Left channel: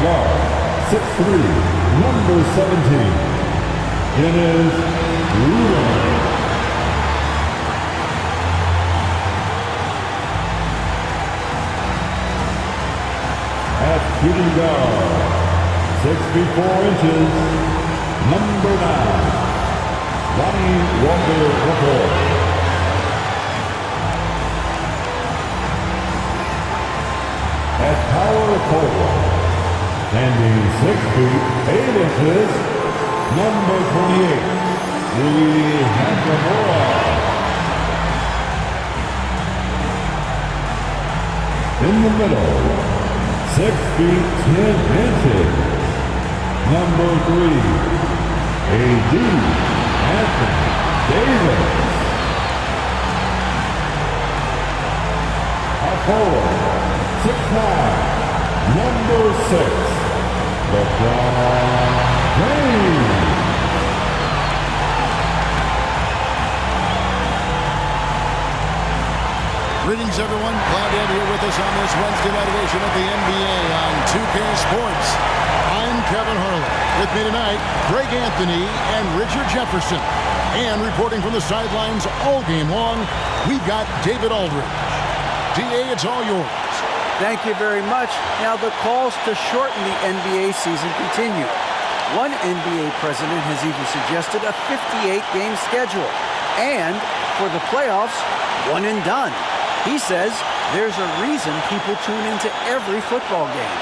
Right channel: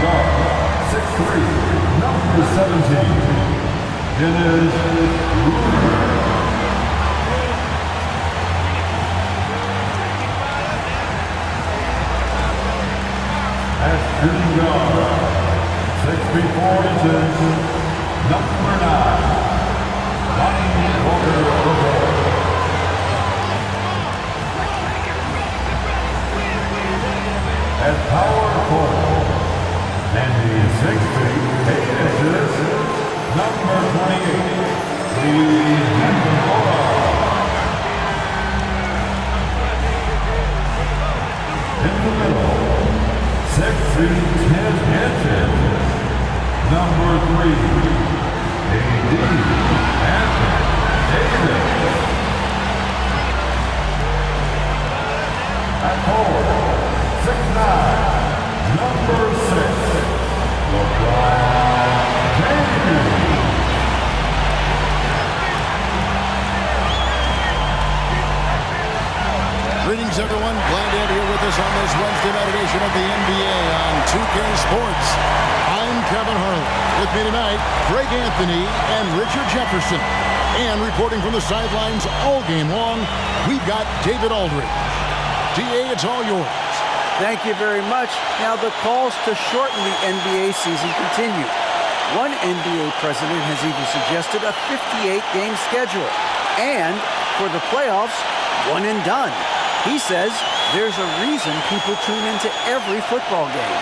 Guard, 6'3", number 17. It is Ruler. At shooting guard, 6 feet 4 inches, number 9, Lonnie Walker-Report. At power forward, standing 6 feet 8 inches, number 28, Lee Nakamura. In the middle, 6 feet 10 inches, number 3, A.D. Anthony Davis. At forward, 6'9", number 6, LeBron James. Greetings, everyone. Glad to have you here with us on this Wednesday night edition of the NBA on 2K Sports. I'm Kevin Harlan. With me tonight, Greg Anthony and Richard Jefferson. And reporting from the sidelines all game long, we've got David Aldridge. DA, it's all yours. Thank you very much. Now, the calls to shorten the NBA season continue. One NBA president has even suggested a 58-game schedule. And for the playoffs, one and done. He says there's a reason people tune into every football game.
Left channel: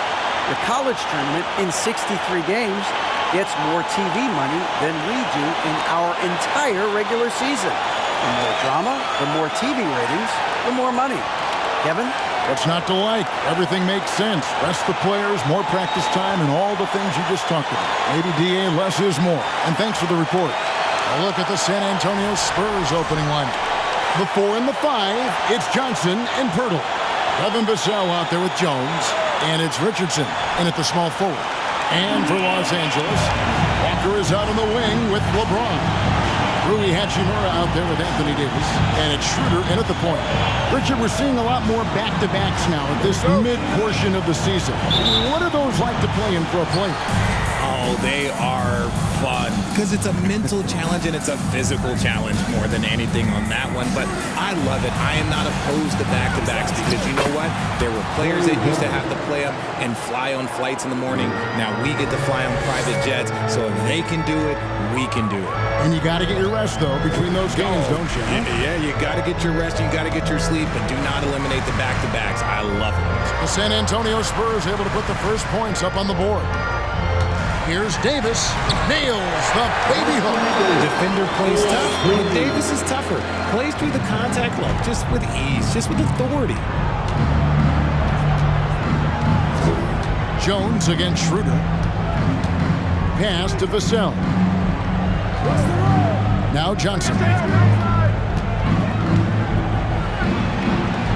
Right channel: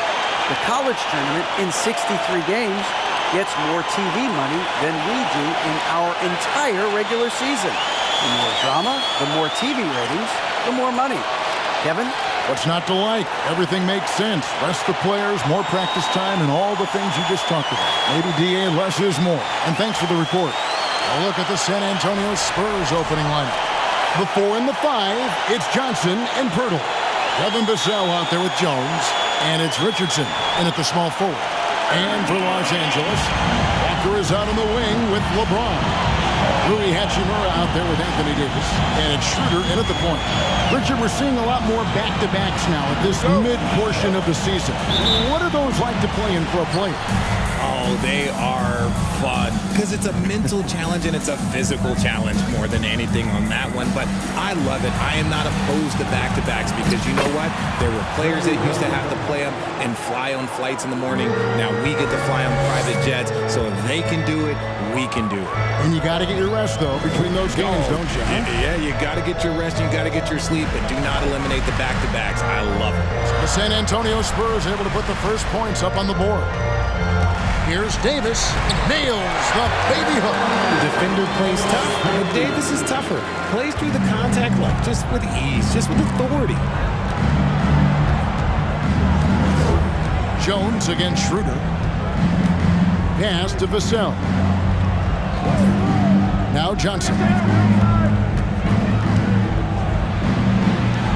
The college tournament in 63 games gets more TV money than we do in our entire regular season. The more drama, the more TV ratings, the more money. Kevin? What's not to like? Everything makes sense. Rest the players, more practice time, and all the things you just talked about. Maybe, DA, less is more. And thanks for the report. A look at the San Antonio Spurs opening lineup. The 4 and the 5, it's Johnson and Pirtle. Devin Vassell out there with Jones. And it's Richardson in at the small forward. And for Los Angeles, Walker is out on the wing with LeBron. Rui Hachimura out there with Anthony Davis. And it's Schroeder in at the point. Richard, we're seeing a lot more back-to-backs now at this mid-portion of the season. What are those like to play in for a player? Oh, they are fun because it's a mental challenge and it's a physical challenge more than anything on that one. But I love it. I am not opposed to back-to-backs because you know what? There were players that used to have to play them and fly on flights in the morning. Now we get to fly on private jets. So if they can do it, we can do it. And you got to get your rest, though, between those games, don't you? Huh? Yeah, you got to get your rest. You got to get your sleep, but do not eliminate the back-to-backs. I love it. The San Antonio Spurs able to put the first points up on the board. Here's Davis, nails the baby hook. Defender plays tough, but Davis is tougher. Plays through the contact line, just with ease, just with authority. Jones against Schroeder. Pass to Vassell. Now Johnson.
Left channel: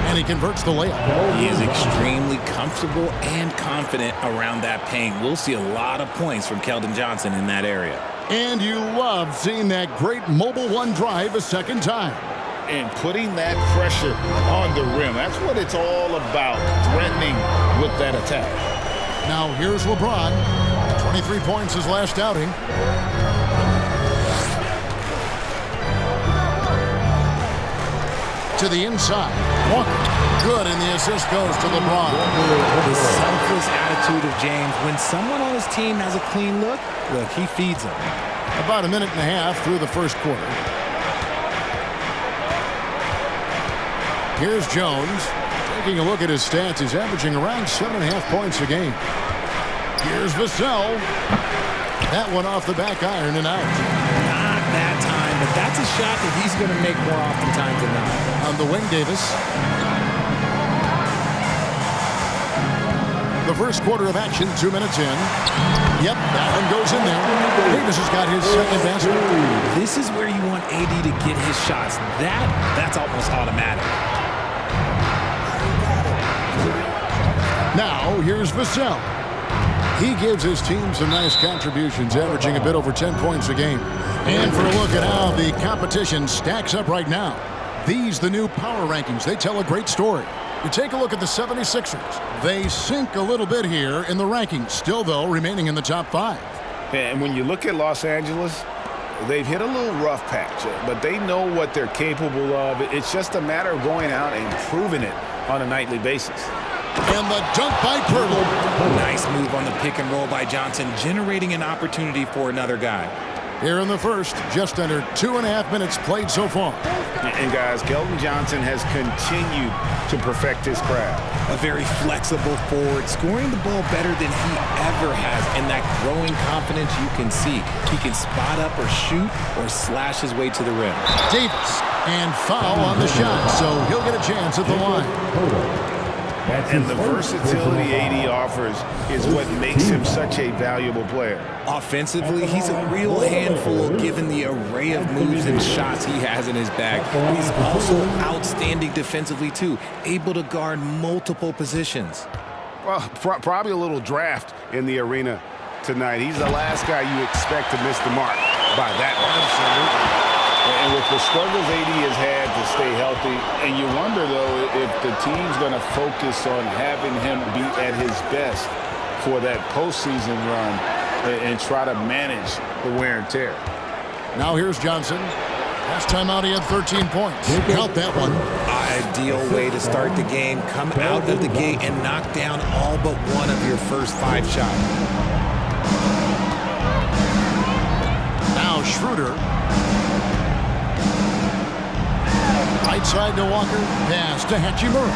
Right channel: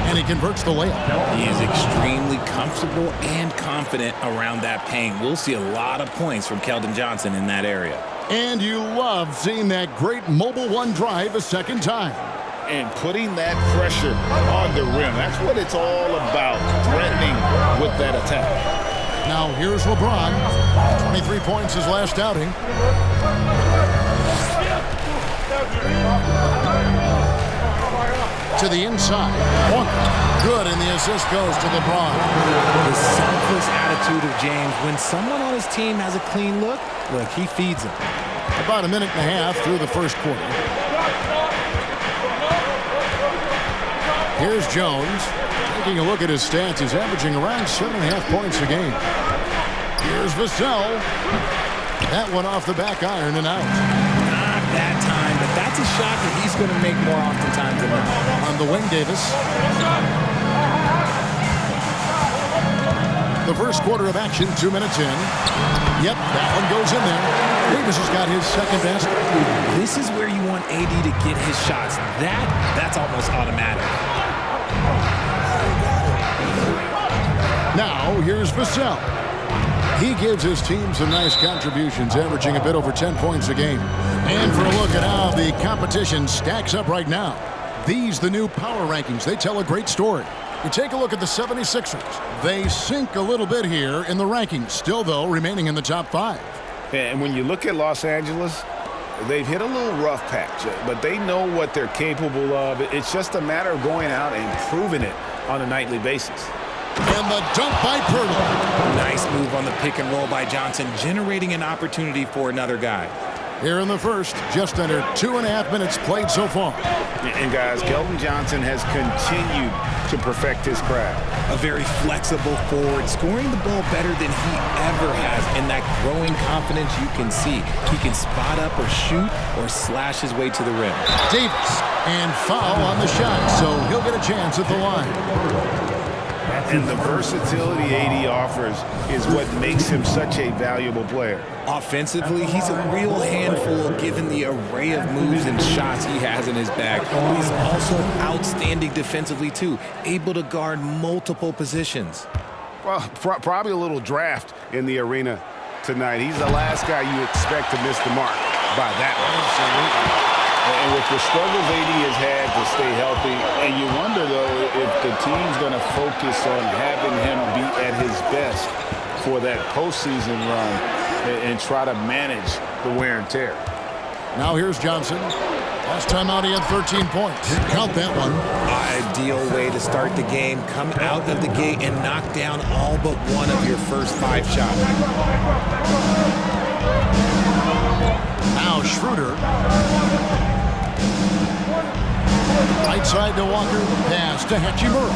And he converts the layup. He is extremely comfortable and confident around that paint. We'll see a lot of points from Keldon Johnson in that area. And you love seeing that great mobile one drive a second time. And putting that pressure on the rim. That's what it's all about, threatening with that attack. Now here's LeBron. 23 points his last outing. To the inside. Walker. Good, and the assist goes to LeBron. The selfless attitude of James. When someone on his team has a clean look, he feeds him. About a minute and a half through the first quarter. Here's Jones. Taking a look at his stats, he's averaging around 7.5 points a game. Here's Vassell. That one off the back iron and out. Not that time, but that's a shot that he's going to make more oftentimes than not. On the wing, Davis. The first quarter of action, 2 minutes in. Yep, that one goes in there. Davis has got his second basket. This is where you want AD to get his shots. That's almost automatic. Now, here's Vassell. He gives his team some nice contributions, averaging a bit over 10 points a game. And for a look at how the competition stacks up right now. These, the new power rankings, they tell a great story. You take a look at the 76ers. They sink a little bit here in the rankings, still, though, remaining in the top 5. And when you look at Los Angeles, they've hit a little rough patch, but they know what they're capable of. It's just a matter of going out and proving it on a nightly basis. And the dunk by Pirtle. Nice move on the pick and roll by Johnson, generating an opportunity for another guy. Here in the first, just under 2.5 minutes played so far. And guys, Keldon Johnson has continued to perfect his craft. A very flexible forward, scoring the ball better than he ever has, and that growing confidence you can see. He can spot up or shoot or slash his way to the rim. Davis, and foul on the shot, so he'll get a chance at the line. And the versatility AD offers is what makes him such a valuable player. Offensively, he's a real handful given the array of moves and shots he has in his bag. He's also outstanding defensively, too, able to guard multiple positions. Well, probably a little draft in the arena tonight. He's the last guy you expect to miss the mark by that much. Absolutely. And with the struggles AD has had to stay healthy, and you wonder, though, if the team's going to focus on having him be at his best for that postseason run and try to manage the wear and tear. Now here's Johnson. Last time out, he had 13 points. Count that one. Ideal way to start the game. Come out of the gate and knock down all but one of your first 5 shots. Now Schroeder. Right side to Walker. Pass to Hachimura.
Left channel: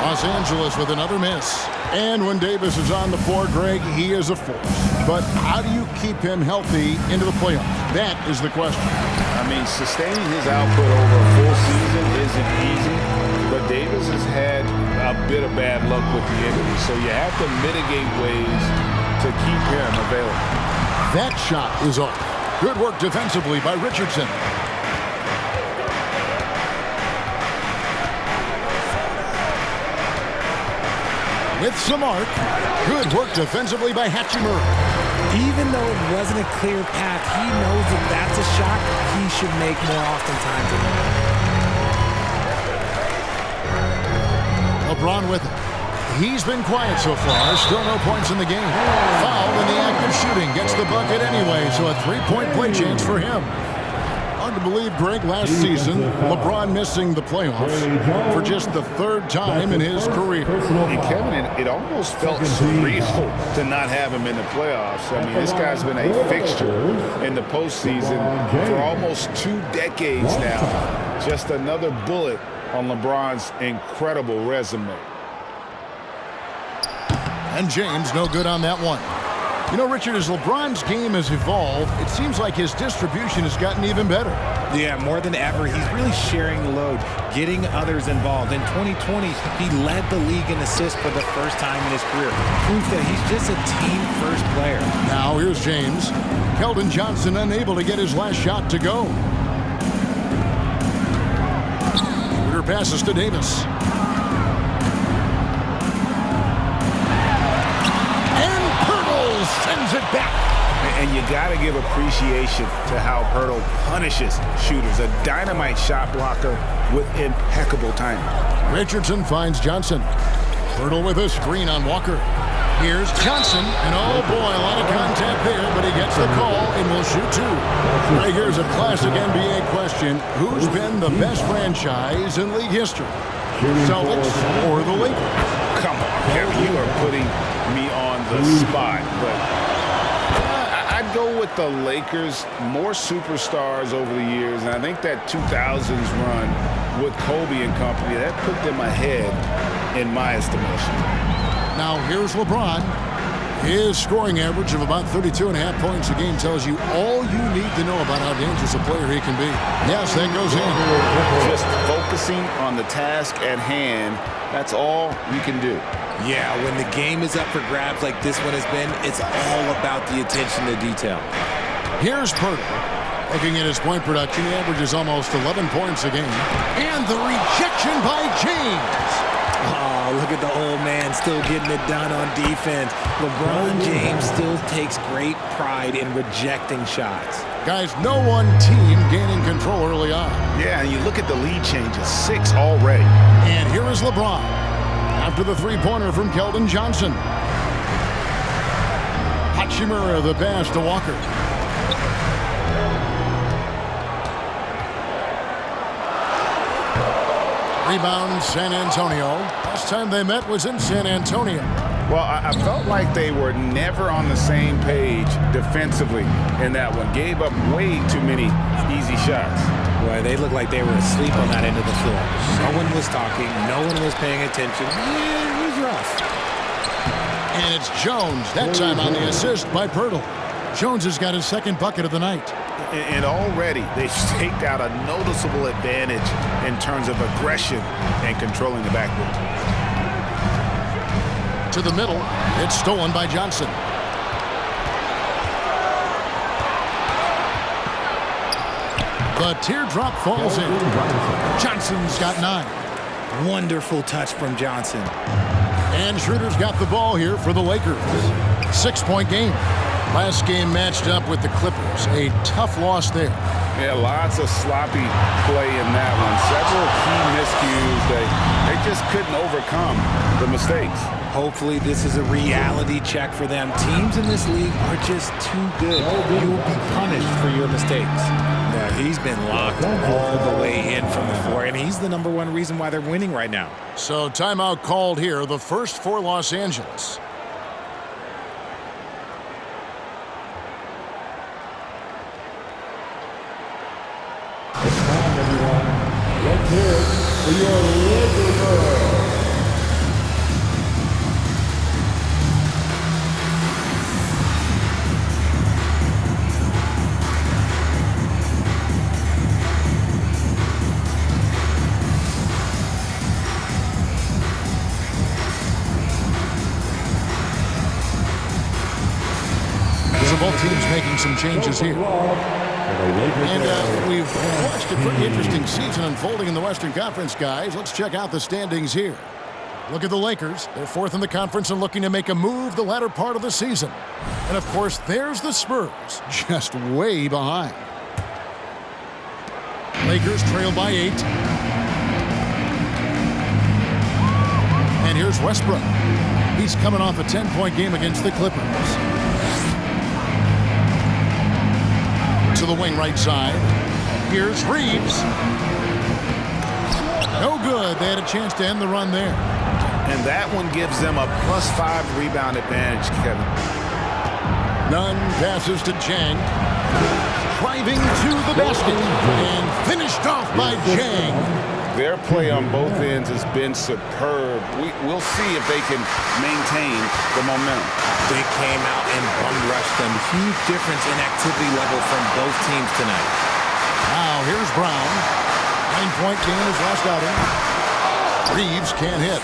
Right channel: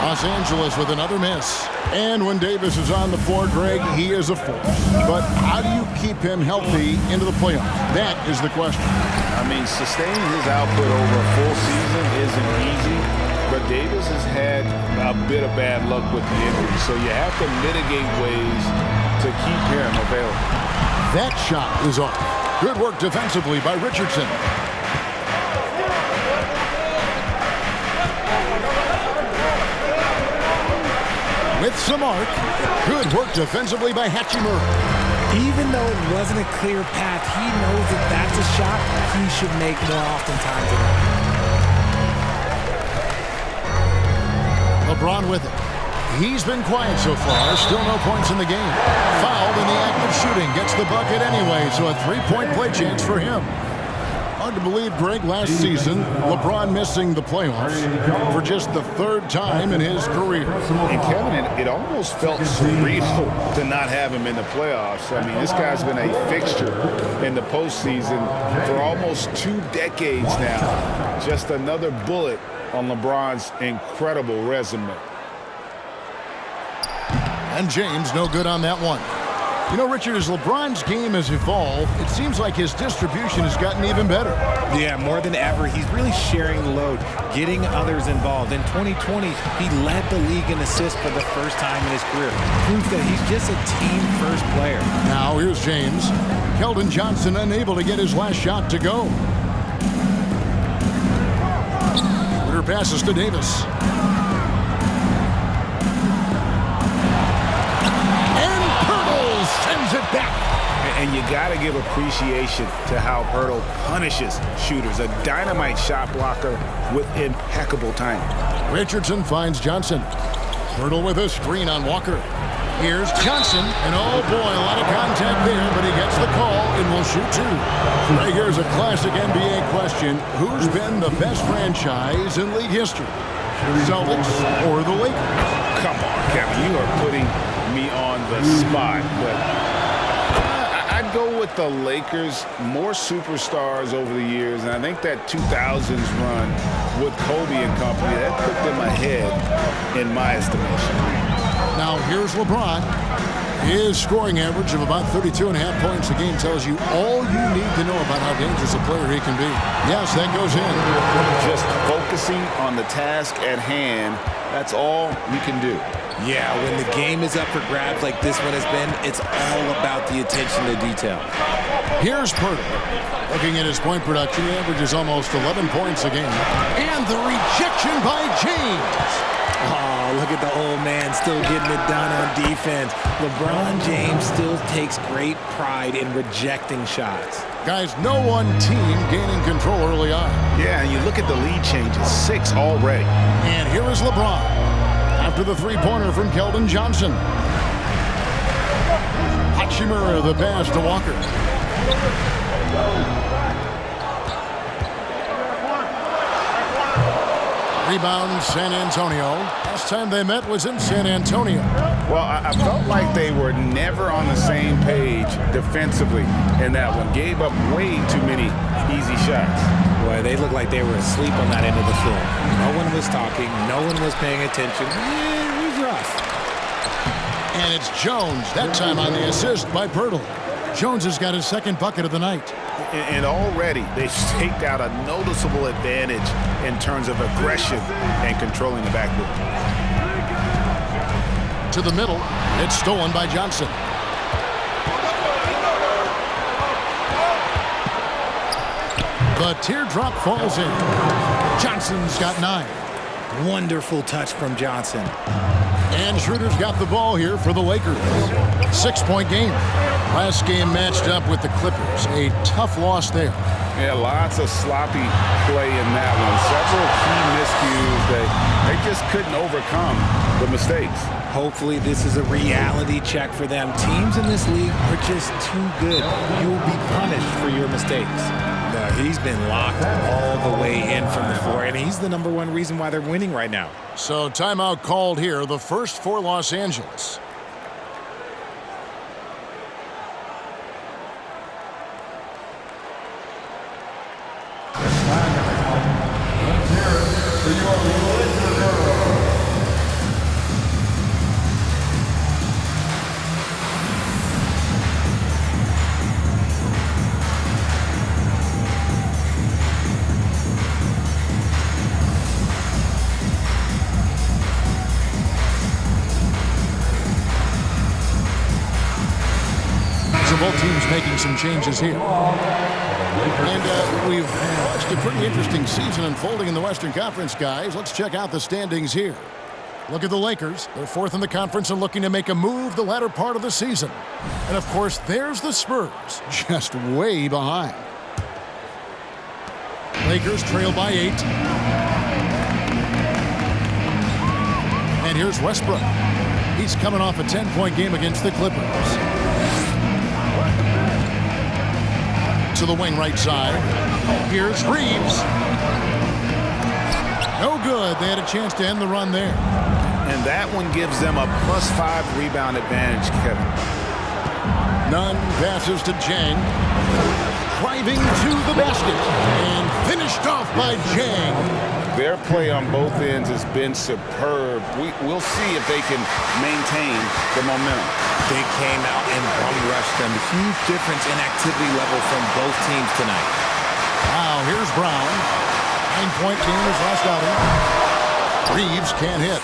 Los Angeles with another miss. And when Davis is on the floor, Greg, he is a force. But how do you keep him healthy into the playoffs? That is the question. I mean, sustaining his output over a full season isn't easy, but Davis has had a bit of bad luck with the injury, so you have to mitigate ways to keep him available. That shot is off. Good work defensively by Richardson. With some arc. Good work defensively by Hachimura. Even though it wasn't a clear path, he knows that that's a shot he should make more oftentimes than not. LeBron with it. He's been quiet so far. Still no points in the game. Fouled in the act of shooting. Gets the bucket anyway, so a 3-point play chance for him. Hard to believe, Greg, last season, LeBron missing the playoffs for just the 3rd time in his career. And Kevin, it almost felt surreal to not have him in the playoffs. I mean, this guy's been a fixture in the postseason for almost 2 decades now. Just another bullet on LeBron's incredible resume. And James no good on that one. You know, Richard, as LeBron's game has evolved, it seems like his distribution has gotten even better. Yeah, more than ever, he's really sharing the load, getting others involved. In 2020, he led the league in assists for the first time in his career. Proof that he's just a team-first player. Now here's James. Keldon Johnson unable to get his last shot to go. Schroeder passes to Davis. Sends it back. And you got to give appreciation to how Pirtle punishes shooters. A dynamite shot blocker with impeccable timing. Richardson finds Johnson. Pirtle with a screen on Walker. Here's Johnson. And oh boy, a lot of contact there, but he gets the call and will shoot 2. Right here's a classic NBA question. Who's been the best franchise in league history? Celtics or the Lakers? Come on, Kevin. You are putting me on the spot, but I'd go with the Lakers. More superstars over the years, and I think that 2000s run with Kobe and company, that put them ahead in my estimation. Now here's LeBron. His scoring average of about 32.5 points a game tells you all you need to know about how dangerous a player he can be. Yes, that goes in. Just focusing on the task at hand, that's all you can do. Yeah, when the game is up for grabs like this one has been, it's all about the attention to detail. Here's Pirtle. Looking at his point production, he averages almost 11 points a game. And the rejection by James. Oh, look at the old man still getting it done on defense. LeBron James still takes great pride in rejecting shots. Guys, no one team gaining control early on. Yeah, and you look at the lead changes, 6 already. And here is LeBron after the three-pointer from Keldon Johnson. Hachimura the pass to Walker. Rebound San Antonio. Last time they met was in San Antonio. Well, I felt like they were never on the same page defensively in that one. Gave up way too many easy shots. Boy, they looked like they were asleep on that end of the floor. No one was talking. No one was paying attention. Yeah, it was rough. And it's Jones, that time on the assist by Pirtle. Jones has got his second bucket of the night. And already they've staked out a noticeable advantage in terms of aggression and controlling the backboard. To the middle, it's stolen by Johnson. The teardrop falls in. Johnson's got 9. Wonderful touch from Johnson. And Schroeder's got the ball here for the Lakers. 6-point game. Last game matched up with the Clippers. A tough loss there. Yeah, lots of sloppy play in that one. Several key miscues. They just couldn't overcome the mistakes. Hopefully this is a reality check for them. Teams in this league are just too good. You will be punished for your mistakes. But he's been locked all the way in from the floor, and he's the #1 reason why they're winning right now. So timeout called here, the first for Los Angeles. It's time, everyone. Let's hear it for your Laker girl. So both teams making some changes here. And we've watched a pretty interesting season unfolding in the Western Conference, guys. Let's check out the standings here. Look at the Lakers. They're 4th in the conference and looking to make a move the latter part of the season. And, of course, there's the Spurs, just way behind. Lakers trail by 8. And here's Westbrook. He's coming off a 10-point game against the Clippers. To the wing right side. Here's Reeves. No good. They had a chance to end the run there. And that one gives them a +5 rebound advantage, Kevin. Nunn passes to Jang. Driving to the basket. And finished off by Jang. Their play on both ends has been superb. We'll see if they can maintain the momentum. They came out and bum-rushed them. Huge difference in activity level from both teams tonight. Now here's Brown. 9-point game his last outing. Reeves can't hit.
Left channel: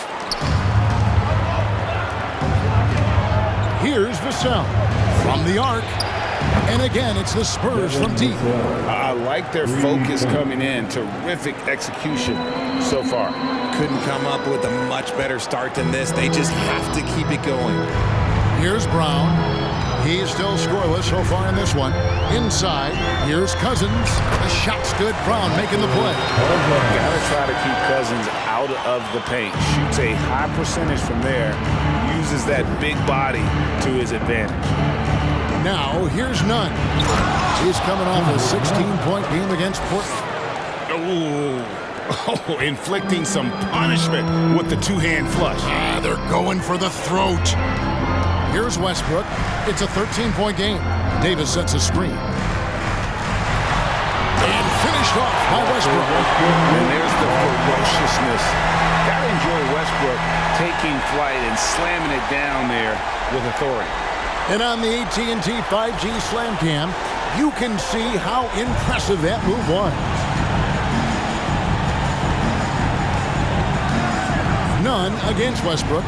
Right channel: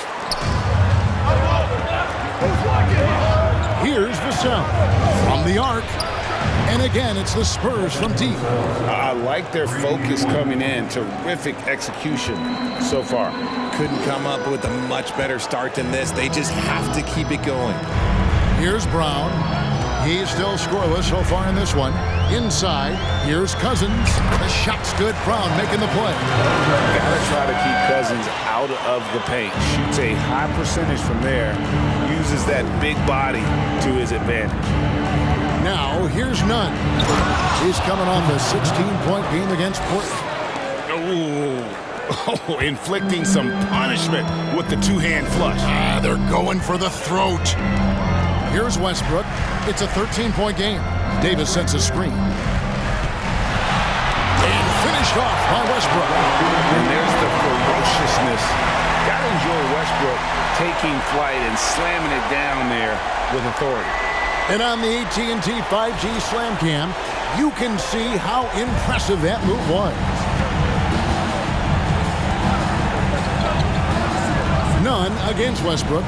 Here's Vassell from the arc. And again, it's the Spurs from deep. I like their focus coming in. Terrific execution so far. Couldn't come up with a much better start than this. They just have to keep it going. Here's Brown. He's still scoreless so far in this one. Inside, here's Cousins. The shot's good. Brown making the play. Gotta try to keep Cousins out of the paint. Shoots a high percentage from there. Uses that big body to his advantage. Now, here's Nunn. He's coming off a 16-point game against Portland. Oh, inflicting some punishment with the two-hand flush. They're going for the throat. Here's Westbrook. It's a 13-point game. Davis sets a screen. And finished off by Westbrook. And there's the ferociousness. Gotta enjoy Westbrook taking flight and slamming it down there with authority. And on the AT&T 5G Slam Cam, you can see how impressive that move was. Nunn against Westbrook.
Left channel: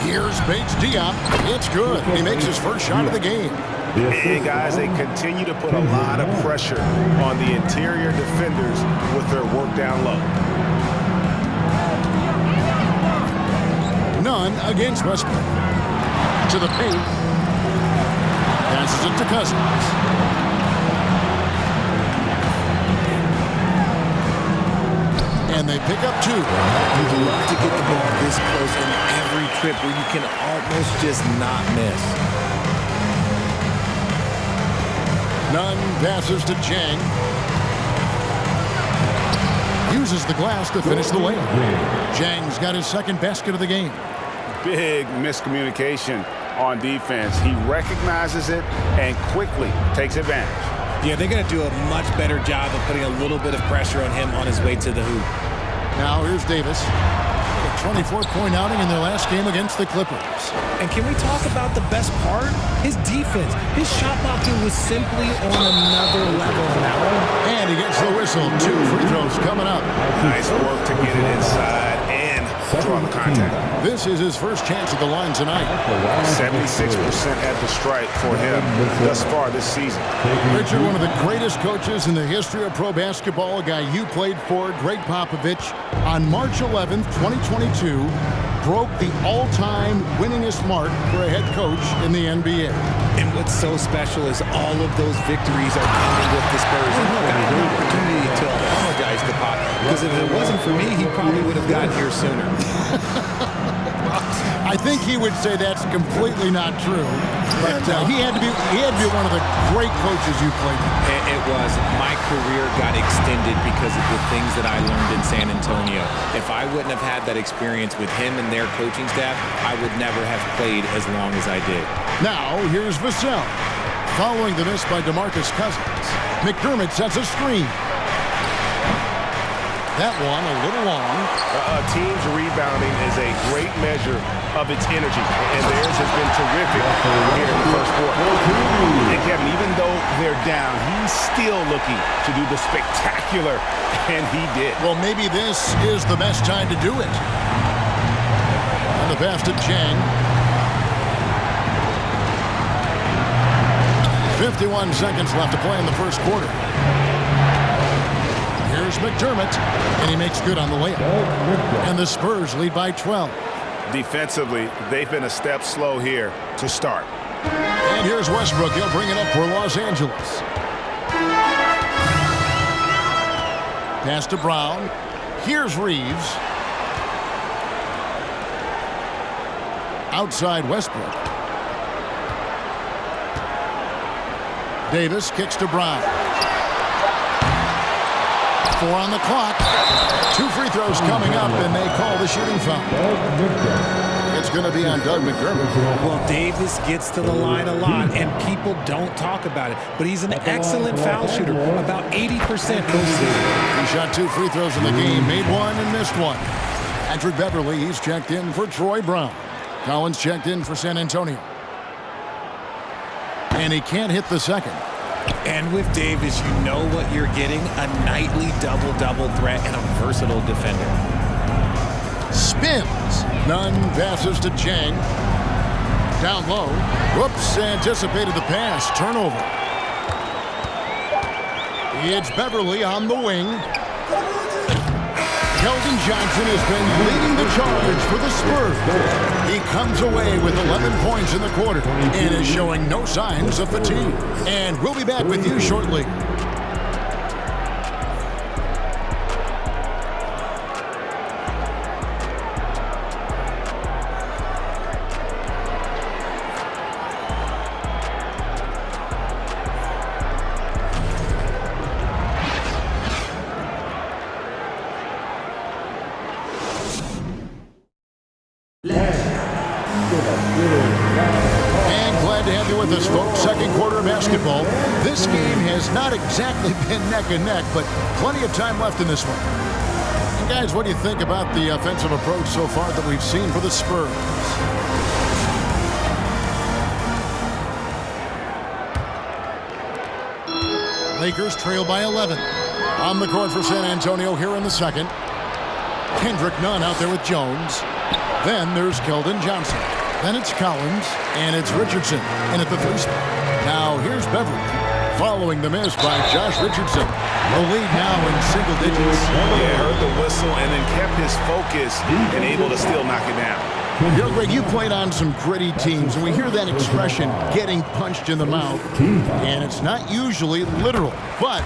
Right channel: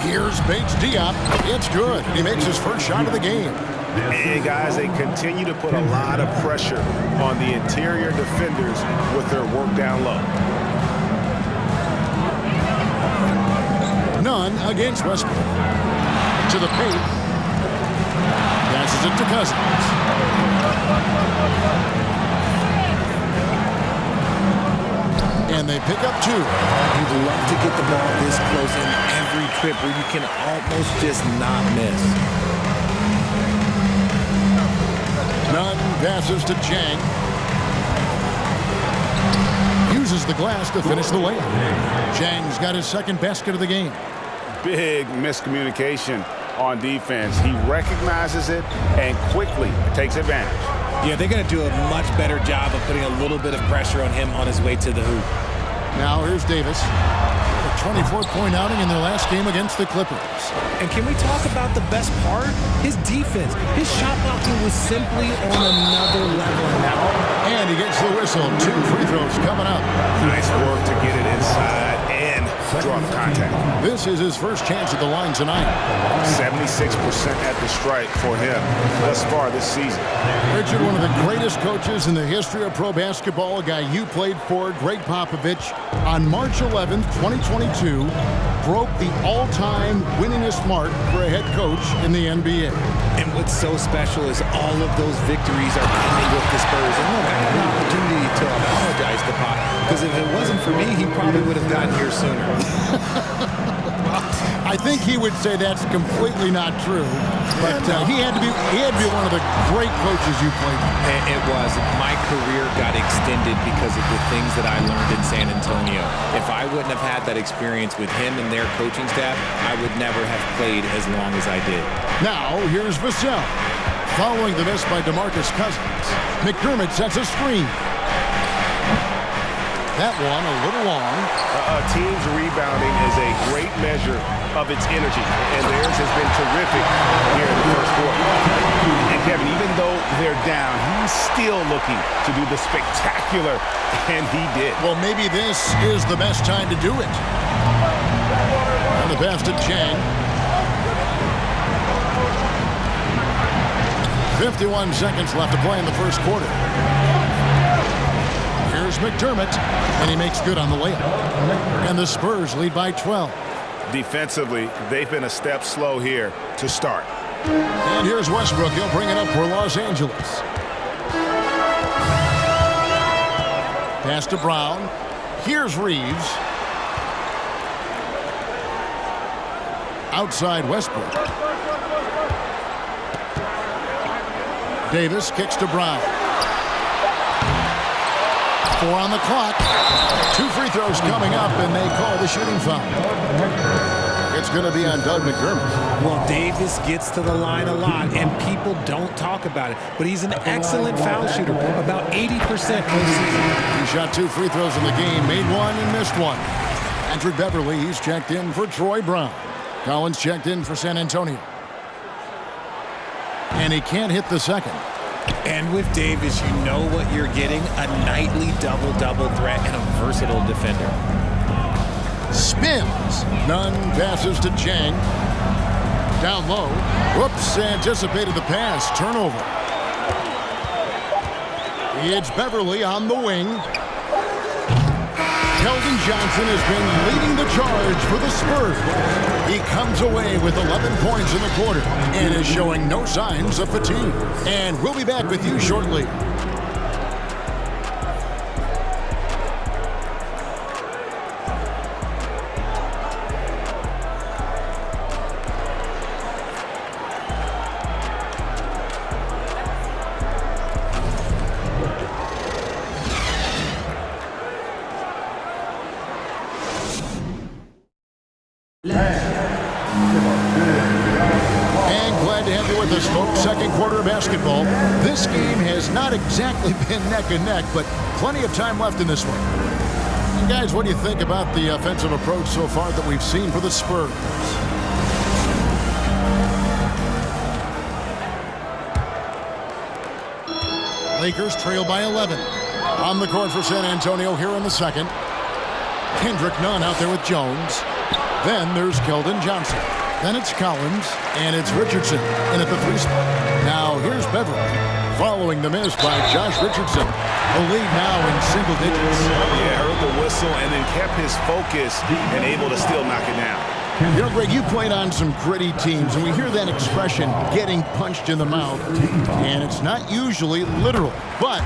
Here's Bates Diop. It's good. He makes his first shot of the game. And guys, they continue to put a lot of pressure on the interior defenders with their work down low. Nunn against Westbrook. To the paint. Passes it to Cousins. And they pick up 2. You'd love to get the ball this close in every trip where you can almost just not miss. Nunn passes to Chang. Uses the glass to finish the layup. Chang's got his second basket of the game. Big miscommunication on defense. He recognizes it and quickly takes advantage. Yeah, they're going to do a much better job of putting a little bit of pressure on him on his way to the hoop. Now here's Davis. A 24-point outing in their last game against the Clippers. And can we talk about the best part? His defense. His shot blocking was simply on another level in that one. And he gets the whistle. 2 free throws coming up. Nice work to get it inside and draw the contact. This is his first chance at the line tonight. 76% at the stripe for him thus far this season. Richard, one of the greatest coaches in the history of pro basketball, a guy you played for, Greg Popovich, on March 11th, 2022, broke the all-time winningest mark for a head coach in the NBA. And what's so special is all of those victories are coming with the Spurs. And look, I had an opportunity to apologize to Pop, because if it wasn't for me, he probably would have gotten here sooner. I think he would say that's completely not true, but he had to be one of the great coaches you played for. It was. My career got extended because of the things that I learned in San Antonio. If I wouldn't have had that experience with him and their coaching staff, I would never have played as long as I did. Now, here's Vassell. Following the miss by DeMarcus Cousins, McDermott sets a screen. That one a little long. A team's rebounding is a great measure of its energy, and theirs has been terrific here in the first quarter. And Kevin, even though they're down, he's still looking to do the spectacular, and he did. Well, maybe this is the best time to do it. And the pass to Chang. 51 seconds left to play in the first quarter. Here's McDermott, and he makes good on the layup. And the Spurs lead by 12. Defensively, they've been a step slow here to start. And here's Westbrook. He'll bring it up for Los Angeles. Pass to Brown. Here's Reeves. Outside Westbrook. Davis kicks to Brown. 4 on the clock. 2 free throws coming up, and they call the shooting foul. It's going to be on Doug McDermott. Well, Davis gets to the line a lot, and people don't talk about it. But he's an excellent foul shooter, about 80% postseason. He shot 2 free throws in the game, made 1 and missed 1. Patrick Beverly, he's checked in for Troy Brown. Collins checked in for San Antonio. And he can't hit the second. And with Davis, you know what you're getting, a nightly double-double threat and a versatile defender. Spins. Nunn passes to Chang. Down low. Whoops, anticipated the pass. Turnover. It's Beverly on the wing. Keldon Johnson has been leading the charge for the Spurs. He comes away with 11 points in the quarter and is showing no signs of fatigue. And we'll be back with you shortly. And glad to have you with us, folks. Second quarter of basketball. This game has not exactly been neck and neck, but plenty of time left in this one. And guys, what do you think about the offensive approach so far that we've seen for the Spurs? Lakers trail by 11. On the court for San Antonio here in the second. Kendrick Nunn out there with Jones. Then there's Keldon Johnson. Then it's Collins, and it's Richardson in at the 3 spot. Now here's Beverly, following the miss by Josh Richardson. The lead now in single digits. Yeah, heard the whistle and then kept his focus and able to still knock it down. You know, Greg, you played on some gritty teams, and we hear that expression, getting punched in the mouth, and it's not usually literal. But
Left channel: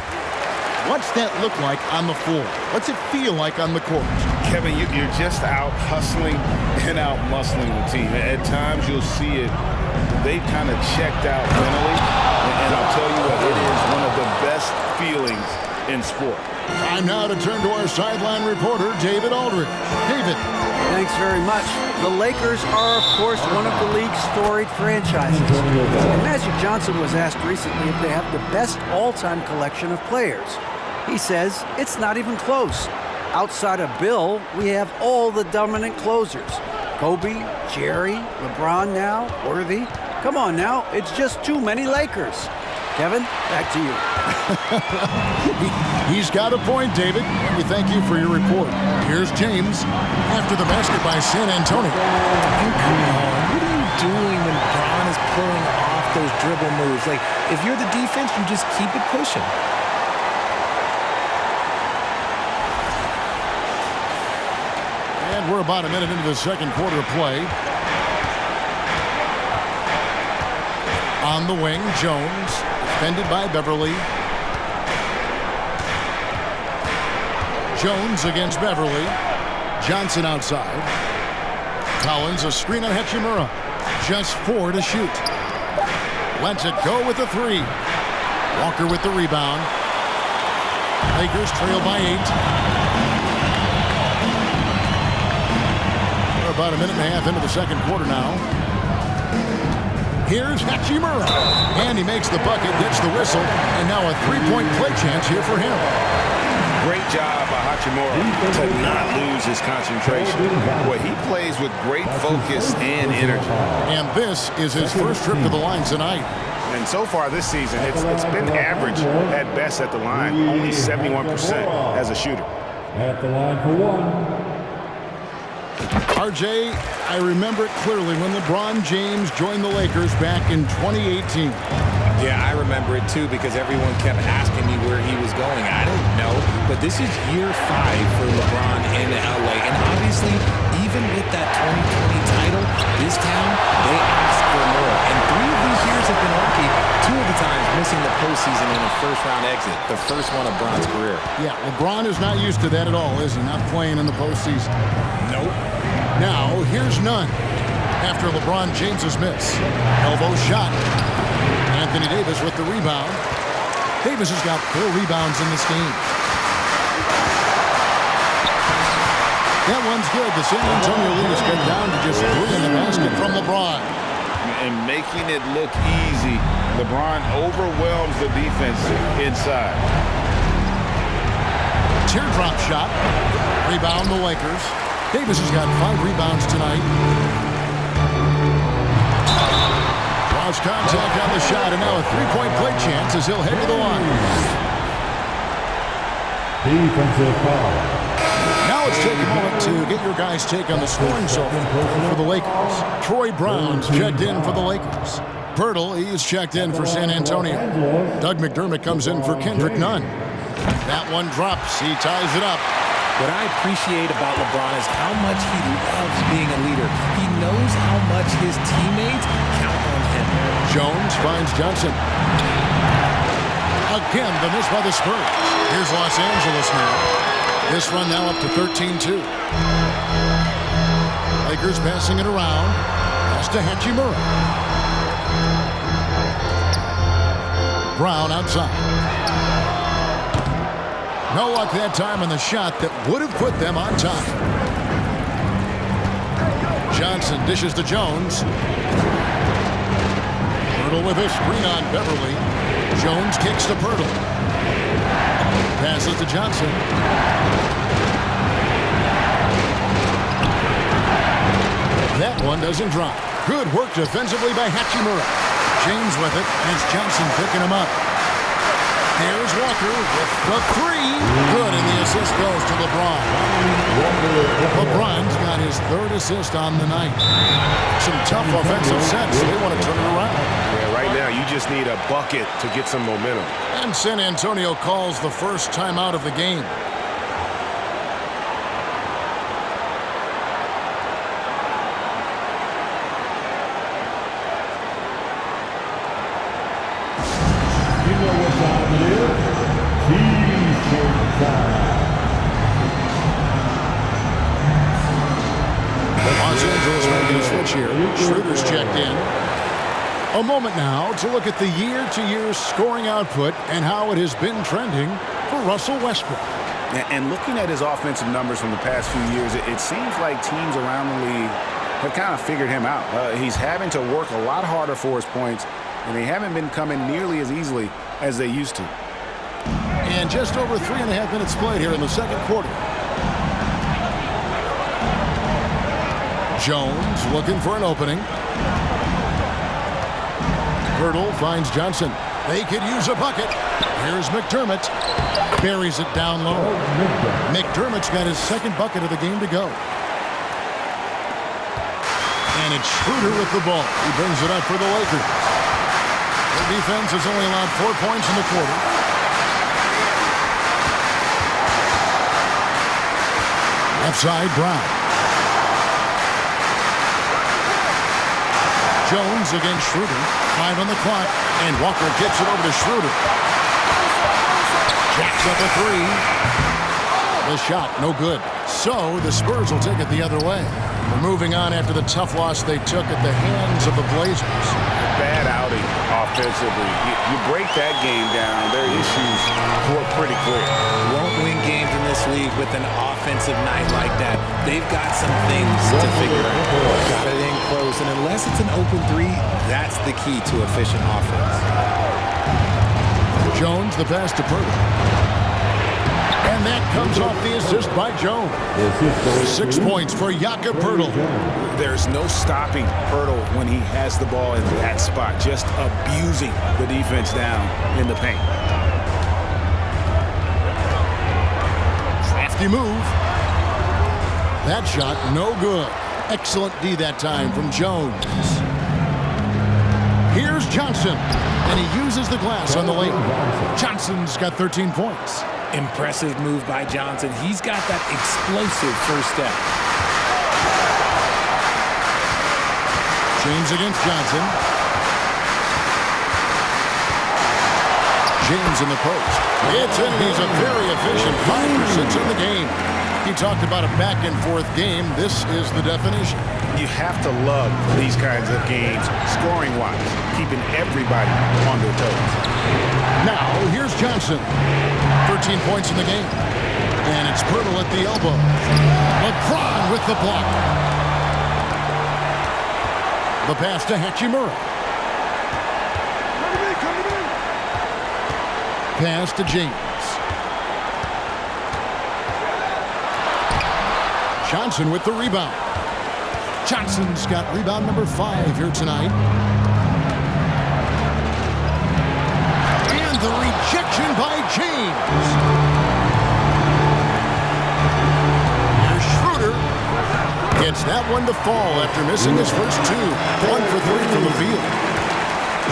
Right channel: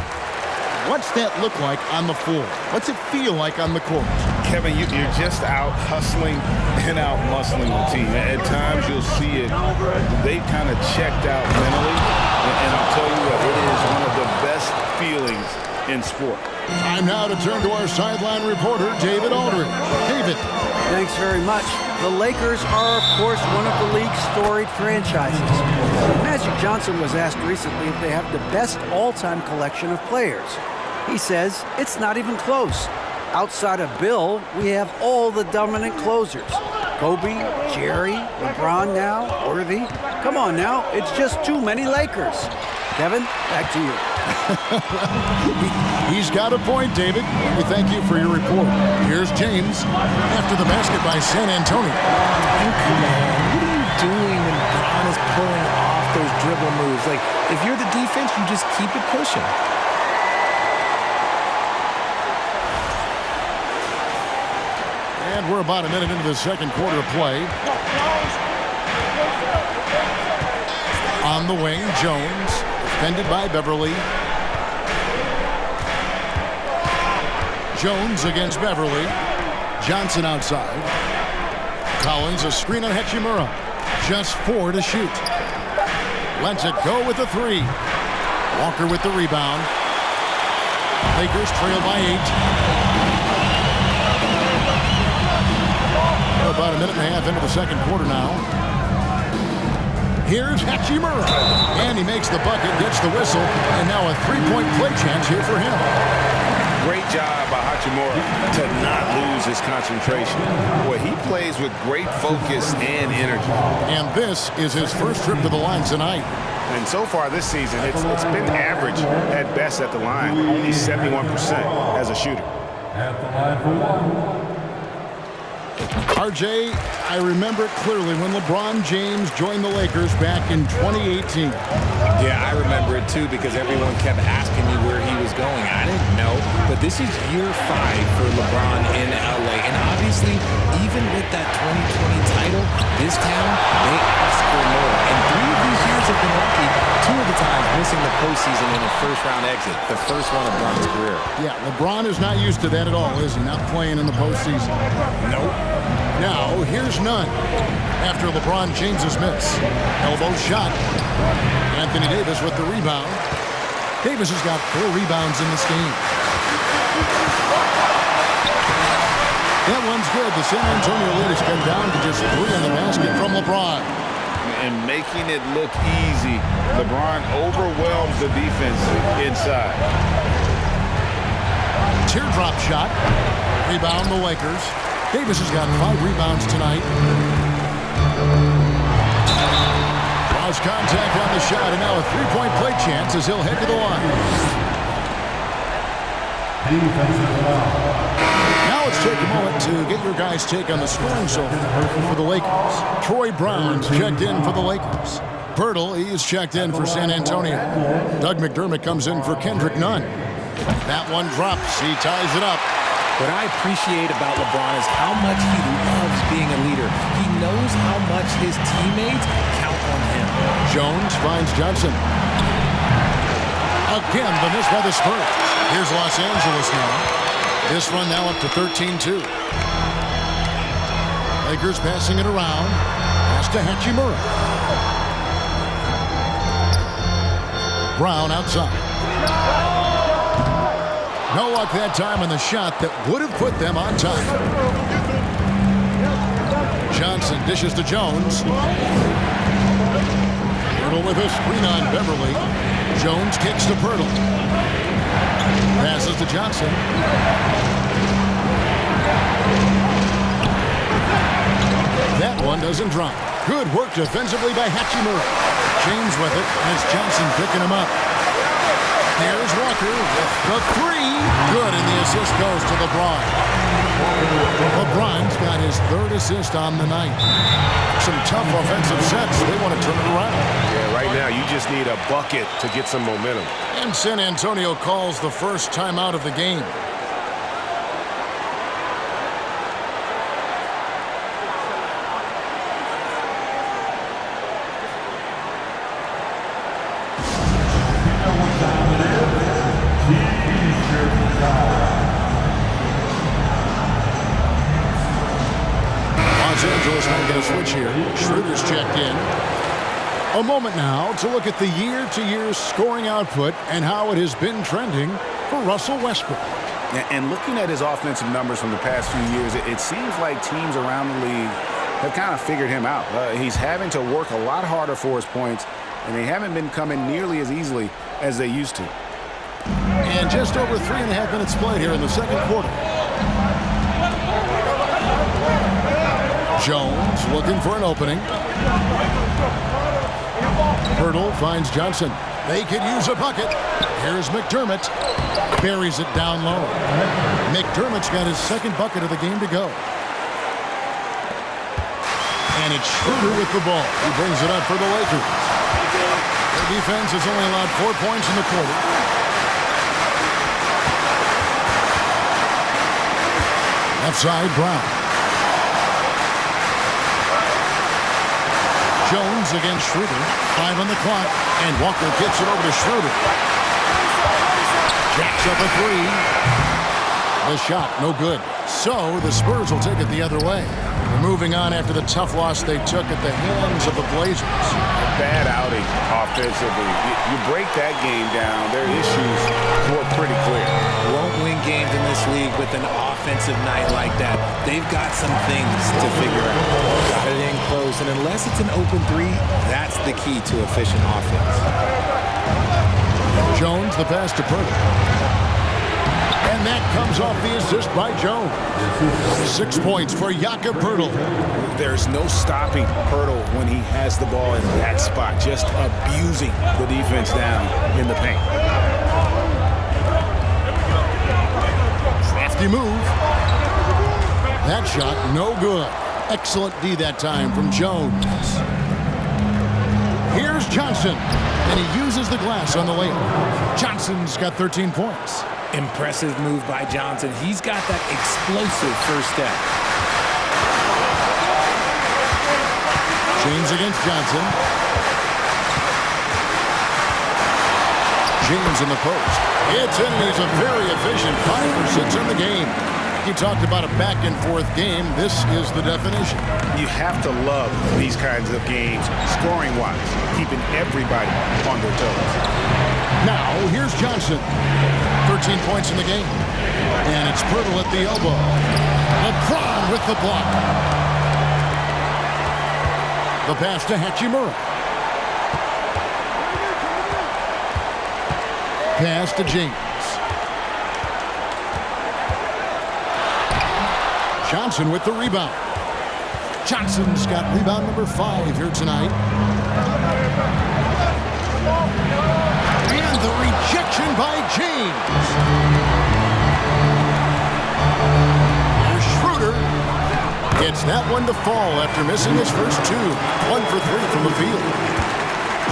what's that look like on the floor? What's it feel like on the court? Kevin, you're just out hustling and out muscling the team. At times you'll see it, they've kind of checked out mentally, and I'll tell you what, it is one of the best feelings in sport. Time now to turn to our sideline reporter, David Aldridge. David. Thanks very much. The Lakers are, of course, one of the league's storied franchises. And Magic Johnson was asked recently if they have the best all-time collection of players. He says it's not even close. Outside of Bill, we have all the dominant closers. Kobe, Jerry, LeBron now, Worthy. Come on now, it's just too many Lakers. Kevin, back to you. He's got a point, David. And we thank you for your report. Here's James after the basket by San Antonio. And come on, what are you doing when Bron is pulling off those dribble moves? Like, if you're the defense, you just keep it pushing. And we're about a minute into the second quarter of play. On the wing, Jones, defended by Beverly. Jones against Beverly. Johnson outside. Collins, a screen on Hachimura. Just 4 to shoot. Lets it go with the 3. Walker with the rebound. Lakers trail by 8. We're about a minute and a half into the second quarter now. Here's Hachimura. And he makes the bucket, gets the whistle, and now a 3-point play chance here for him. Great job by Hachimura to not lose his concentration. Boy, he plays with great focus and energy. And this is his first trip to the line tonight. And so far this season, it's been average at best at the line, only 71% as a shooter. At the line for one. RJ, I remember it clearly when LeBron James joined the Lakers back in 2018. Yeah, I remember it too because everyone kept asking me where he was going. I didn't know, but this is year 5 for LeBron in LA. And obviously, even with that 2020 title, this town, they ask for more. And 3 of these years have been rocky, 2 of the times missing the postseason in a first-round exit, the first one of Bron's career. Yeah, LeBron is not used to that at all, is he? Not playing in the postseason. Nope. Now, here's none. After LeBron James's miss. Elbow shot. Anthony Davis with the rebound. Davis has got 4 rebounds in this game. That one's good. The San Antonio lead is cut down to just 3 in the basket from LeBron. And making it look easy, LeBron overwhelms the defense inside. Teardrop shot. Rebound the Lakers. Davis has got 5 rebounds tonight. Draws contact on the shot, and now a 3-point play chance as he'll head to the line. Defensive foul. Now let's take a moment to get your guys' take on the scoring so far for the Lakers. Troy Brown's checked in for the Lakers. Pirtle, he's checked in for San Antonio. Doug McDermott comes in for Kendrick Nunn. That one drops. He ties it up. What I appreciate about LeBron is how much he loves being a leader. He knows how much his teammates count on him. Jones finds Johnson. Again, the miss by the Spurs. Here's Los Angeles now. This run now up to 13-2. Lakers passing it around. Pass to Hachimura. Brown outside. No luck that time on the shot that would have put them on top. Johnson dishes to Jones. Pirtle with a screen on Beverly. Jones kicks to Pirtle. Passes to Johnson. That one doesn't drop. Good work defensively by Hachimura. James with it, and it's Johnson picking him up. There's Walker with the 3. Good, and the assist goes to LeBron. LeBron's got his 3rd assist on the night. Some tough offensive sets. They want to turn it around. Yeah, right now you just need a bucket to get some momentum. And San Antonio calls the first timeout of the game. T-shirt foul. Los Angeles making a switch here. Schroeder's checked in. A moment now to look at the year-to-year scoring output and how it has been trending for Russell Westbrook. And looking at his offensive numbers from the past few years, it seems like teams around the league have kind of figured him out. He's having to work a lot harder for his points, and they haven't been coming nearly as easily as they used to. And just over 3.5 minutes played here in the second quarter. Jones looking for an opening. Hurdle finds Johnson. They could use a bucket. Here's McDermott. Buries it down low. McDermott's got his second bucket of the game to go. And it's Schroeder with the ball. He brings it up for the Lakers. Their defense has only allowed 4 points in the quarter. Left side, Brown. Jones against Schroeder. 5 on the clock. And Walker gets it over to Schroeder. Jacks up a 3. The shot, no good. So the Spurs will take it the other way. We're moving on after the tough loss they took at the hands of the Blazers. A bad outing offensively. You break that game down, their issues were pretty clear. Won't win games in this league with an offensive night like that. They've got some things to figure out. Got it in close, and unless it's an open three, that's the key to efficient offense. Jones, the pass to Purtle. And that comes off the assist by Jones. 6 points for Jakob Purtle. There's no stopping Purtle when he has the ball in that spot, just abusing the defense down in the paint. Crafty move. That shot, no good. Excellent D that time from Jones. Here's Johnson, and he uses the glass on the layup. Johnson's got 13 points. Impressive move by Johnson. He's got that explosive first step. James against Johnson. James in the post. It's in, and he's a very efficient 5 for 6 in the game. He talked about a back-and-forth game. This is the definition. You have to love these kinds of games, scoring-wise, keeping everybody on their toes. Now, here's Johnson. 13 points in the game. And it's Purtle at the elbow. LeBron with the block. The pass to Hachimura. Pass to James. Johnson with the rebound. Johnson's got rebound number 5 here tonight. And the rejection by James. Here's Schroeder. Gets that one to fall after missing his first 2. 1 for 3 from the field.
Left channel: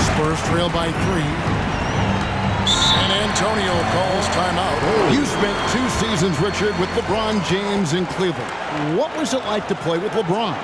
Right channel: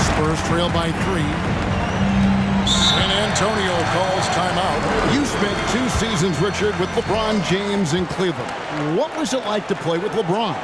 Spurs trail by 3. San Antonio calls timeout. You spent 2 seasons, Richard, with LeBron James in Cleveland. What was it like to play with LeBron?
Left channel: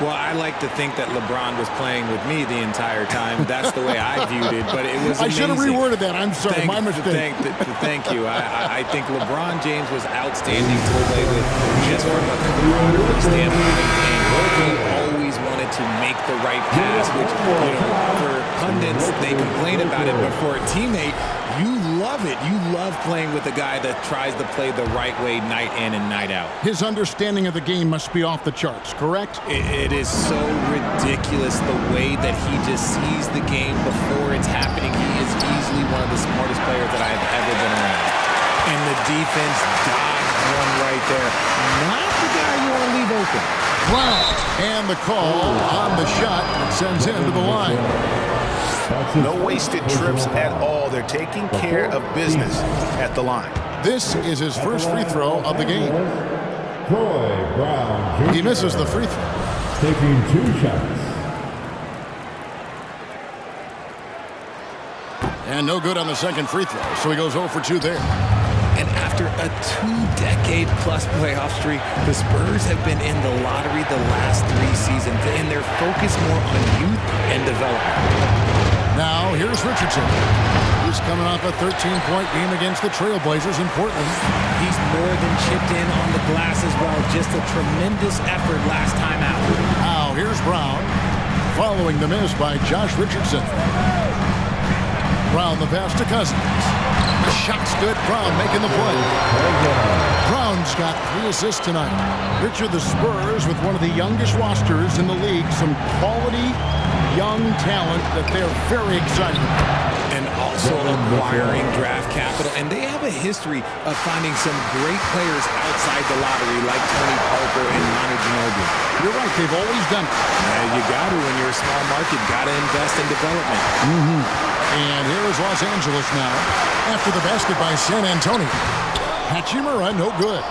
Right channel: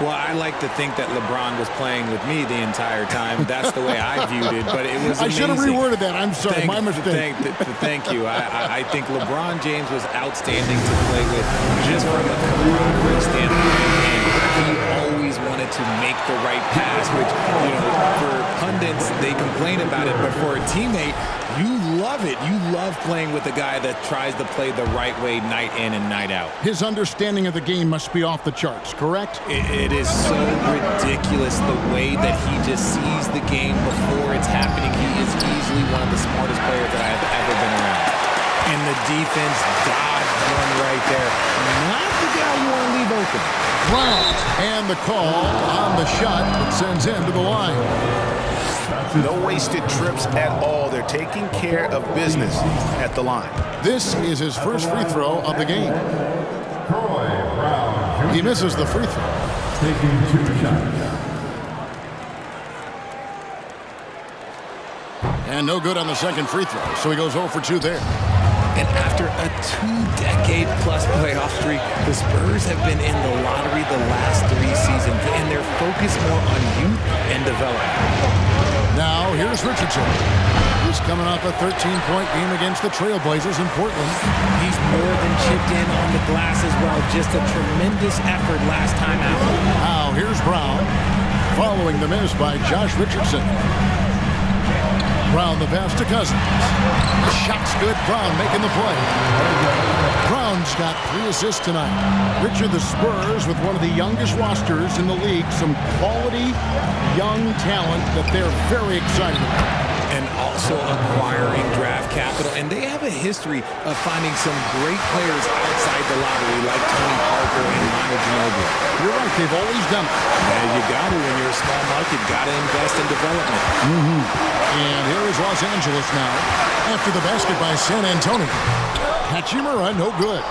Well, I like to think that LeBron was playing with me the entire time. That's the way I viewed it, but it was amazing. I should have reworded that. I'm sorry, my mistake. Thank you. I think LeBron James was outstanding to play with just from a camaraderie standpoint, and he always wanted to make the right pass, which, you know, for pundits, they complain about it, but for a teammate, you love it. You love playing with a guy that tries to play the right way night in and night out. His understanding of the game must be off the charts, correct? It is so ridiculous the way that he just sees the game before it's happening. He is easily one of the smartest players that I have ever been around. And the defense dodged one right there. Not the guy you want to leave open. Brown. And the call on the shot that sends him to the line. No wasted trips at all. They're taking care of business at the line. This is his first free throw of the game. Troy Brown Jr. He misses the free throw. Taking 2 shots. And no good on the second free throw, so he goes 0 for 2 there. And after a 2-decade-plus playoff streak, the Spurs have been in the lottery the last 3 seasons, and they're focused more on youth and development. Now here's Richardson. He's coming off a 13-point game against the Trailblazers in Portland. He's more than chipped in on the glass as well. Just a tremendous effort last time out. Now here's Brown, following the miss by Josh Richardson. Brown the pass to Cousins. The shot's good. Brown making the play. Brown's got 3 assists tonight. Richard, the Spurs with one of the youngest rosters in the league. Some quality young talent that they're very excited about. And also acquiring draft capital. And they have a history of finding some great players outside the lottery like Tony Parker and Manu Ginobili. You're right. They've always done it. Yeah, you got to. When you're a small market, got to invest in development. And here is Los Angeles now after the basket by San Antonio. Hachimura, no good.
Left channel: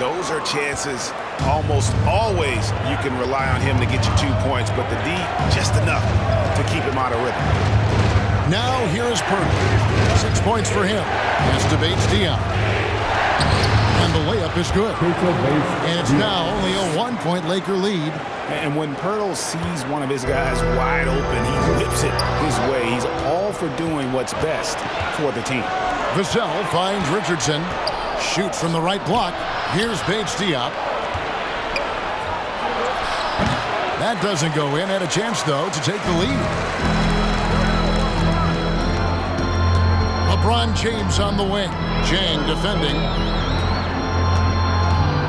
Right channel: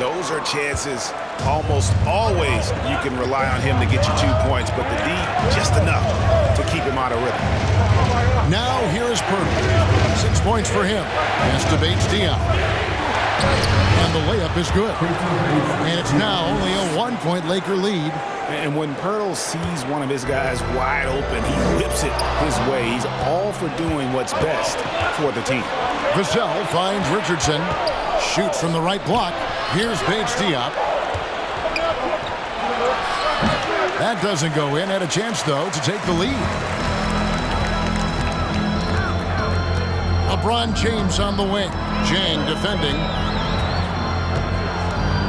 Those are chances. Almost always you can rely on him to get you 2 points, but the D, just enough to keep him out of rhythm. Now here is Purtle. 6 points for him. Pass to Bates-Diop. And the layup is good. And it's now only a 1-point Laker lead. And when Pirtle sees one of his guys wide open, he whips it his way. He's all for doing what's best for the team. Vassell finds Richardson. Shoots from the right block. Here's Bates-Diop. That doesn't go in. Had a chance, though, to take the lead. LeBron James on the wing. Jang defending.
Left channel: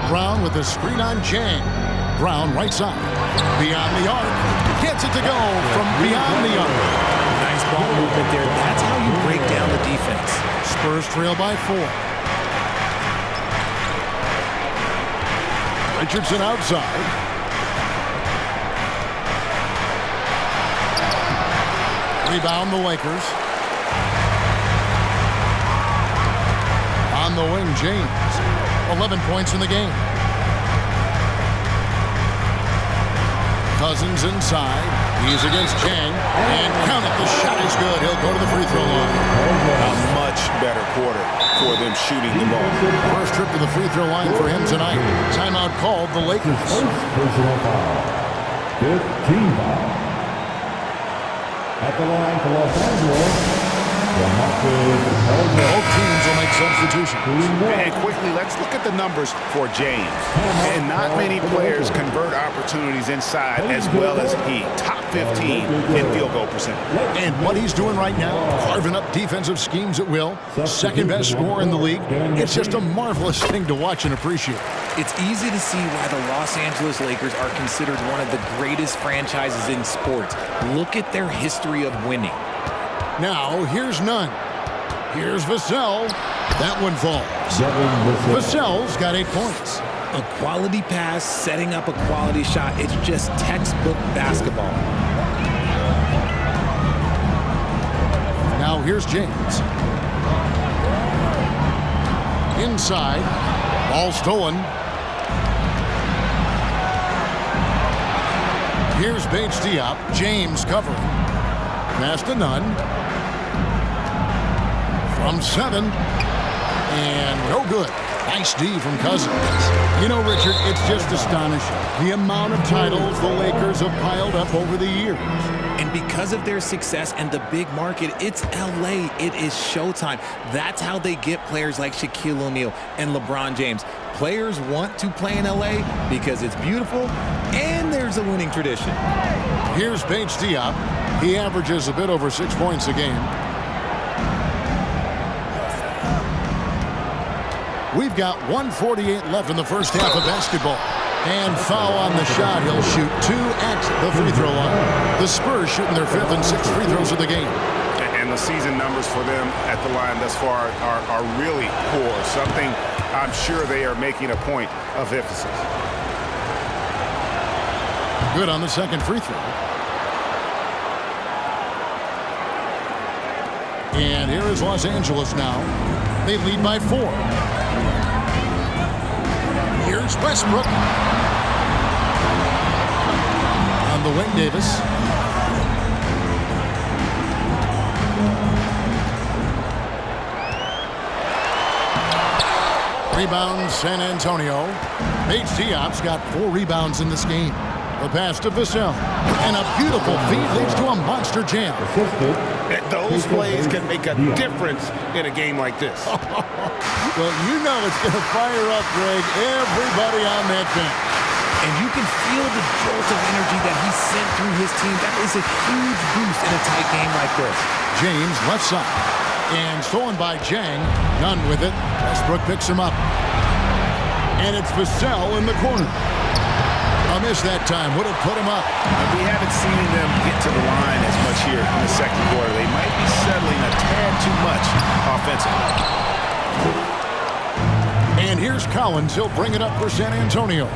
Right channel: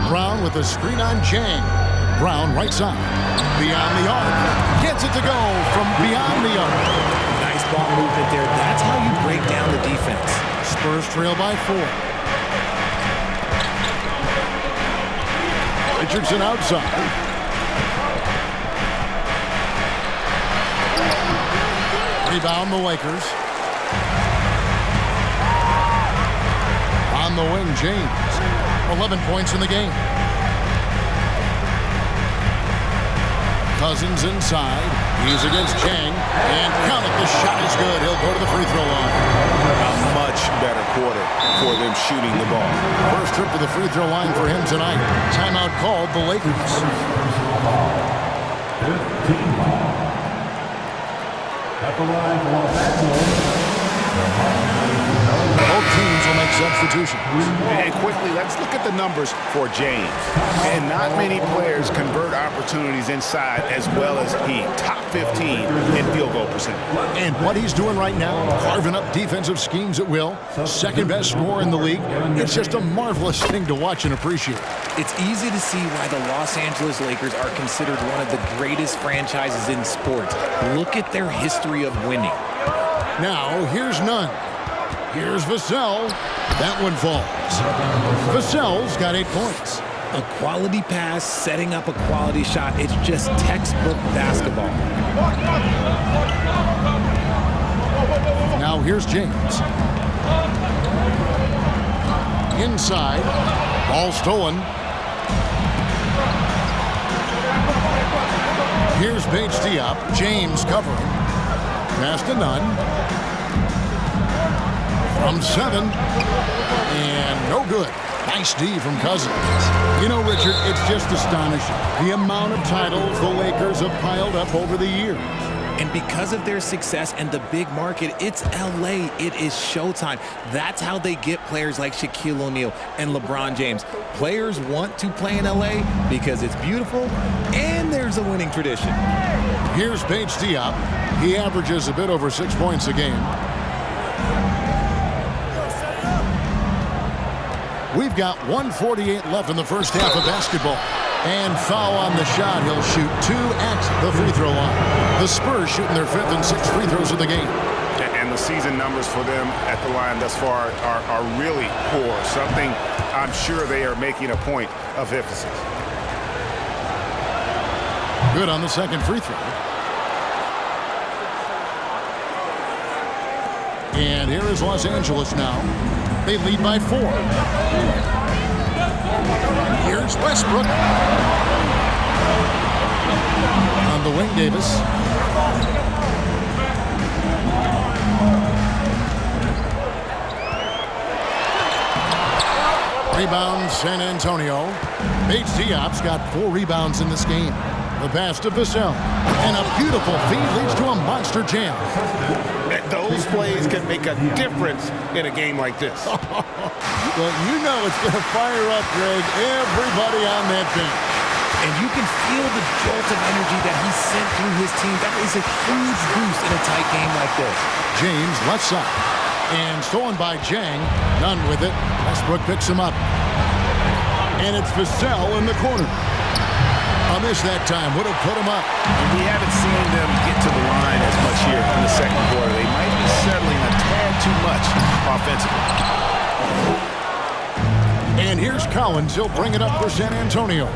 Brown with a screen on Jang. Brown right side. Beyond the arc. Gets it to go from beyond the arc. Nice ball movement there. That's how you break down the defense. Spurs trail by 4. Richardson outside. Rebound the Lakers. On the wing, James. 11 points in the game. Cousins inside. He's against Chang. And count it. The shot is good. He'll go to the free throw line. A much better quarter for them shooting the ball. First trip to the free throw line for him tonight. Timeout called the Lakers. Personal foul. 15 foul. At the line for Los Angeles. Both teams will make substitutions. And quickly, let's look at the numbers for James. And not many players convert opportunities inside as well as he. Top 15 in field goal percentage. And what he's doing right now, carving up defensive schemes at will, second best scorer in the league. It's just a marvelous thing to watch and appreciate. It's easy to see why the Los Angeles Lakers are considered one of the greatest franchises in sports. Look at their history of winning. Now, here's Nunn. Here's Vassell. That one falls. Vassell's got 8 points. A quality pass, setting up a quality shot. It's just textbook basketball. Now, here's James. Inside. Ball stolen. Here's Bates-Diop. James covering. Pass to Nunn. From 7. And no good. Nice D from Cousins. You know, Richard, it's just astonishing. The amount of titles the Lakers have piled up over the years. And because of their success and the big market, it's LA. It is showtime. That's how they get players like Shaquille O'Neal and LeBron James. Players want to play in LA because it's beautiful and there's a winning tradition. Here's Bates-Diop. He averages a bit over 6 points a game. We've got 1:48 left in the first half of basketball. And foul on the shot. He'll shoot 2 at the free throw line. The Spurs shooting their 5th and 6th free throws of the game. And the season numbers for them at the line thus far are really poor. Something I'm sure they are making a point of emphasis. Good on the second free throw. And here is Los Angeles now. They lead by 4. Here's Westbrook. On the wing, Davis. Rebound, San Antonio. Bates-Diop's got 4 rebounds in this game. The pass to Vassell. And a beautiful feed leads to a monster jam. Assisted Those plays can make a difference in a game like this. Well, you know it's going to fire up, Greg, everybody on that bench. And you can feel the jolt of energy that he sent through his team. That is a huge boost in a tight game like this. James left side. And stolen by Jang. None with it. Westbrook picks him up. And it's Vassell in the corner. A miss that time would have put him up. And we haven't seen them get to the line as much here in the second quarter. They might be settling a tad too much offensively. And here's Collins. He'll bring it up for San Antonio.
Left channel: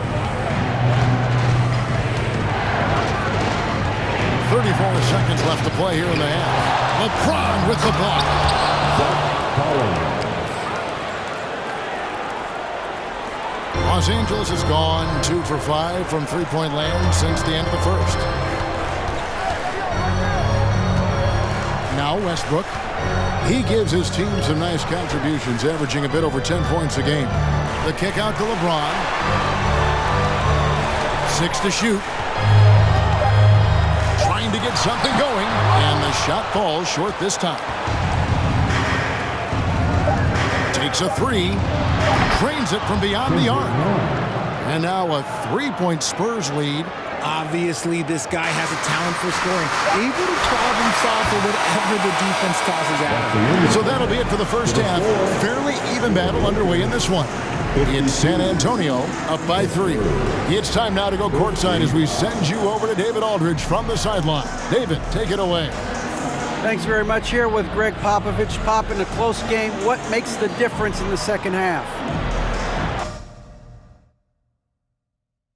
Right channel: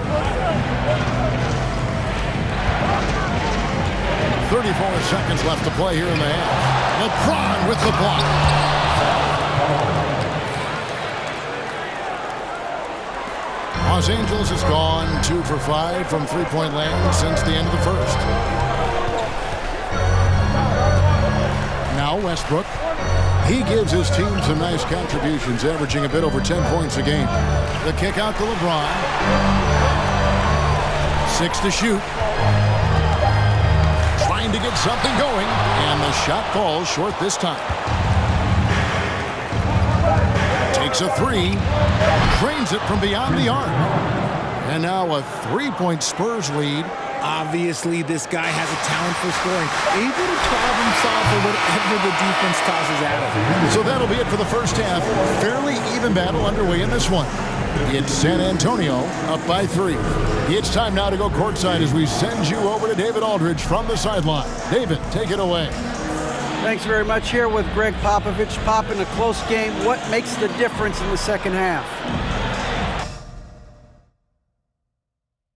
34 seconds left to play here in the half. LeBron with the block. Los Angeles has gone 2 for 5 from three-point land since the end of the first. Now Westbrook. He gives his team some nice contributions, averaging a bit over 10 points a game. The kick out to LeBron. 6 to shoot. Trying to get something going, and the shot falls short this time. Takes a three. Trains it from beyond the arc. And now a three-point Spurs lead. Obviously, this guy has a talent for scoring. Able to problem solve for whatever the defense tosses at him. So that'll be it for the first half. Fairly even battle underway in this one. It's San Antonio up by 3. It's time now to go courtside as we send you over to David Aldridge from the sideline. David, take it away. Thanks very much. Here with Greg Popovich. Pop, in a close game, what makes the difference in the second half?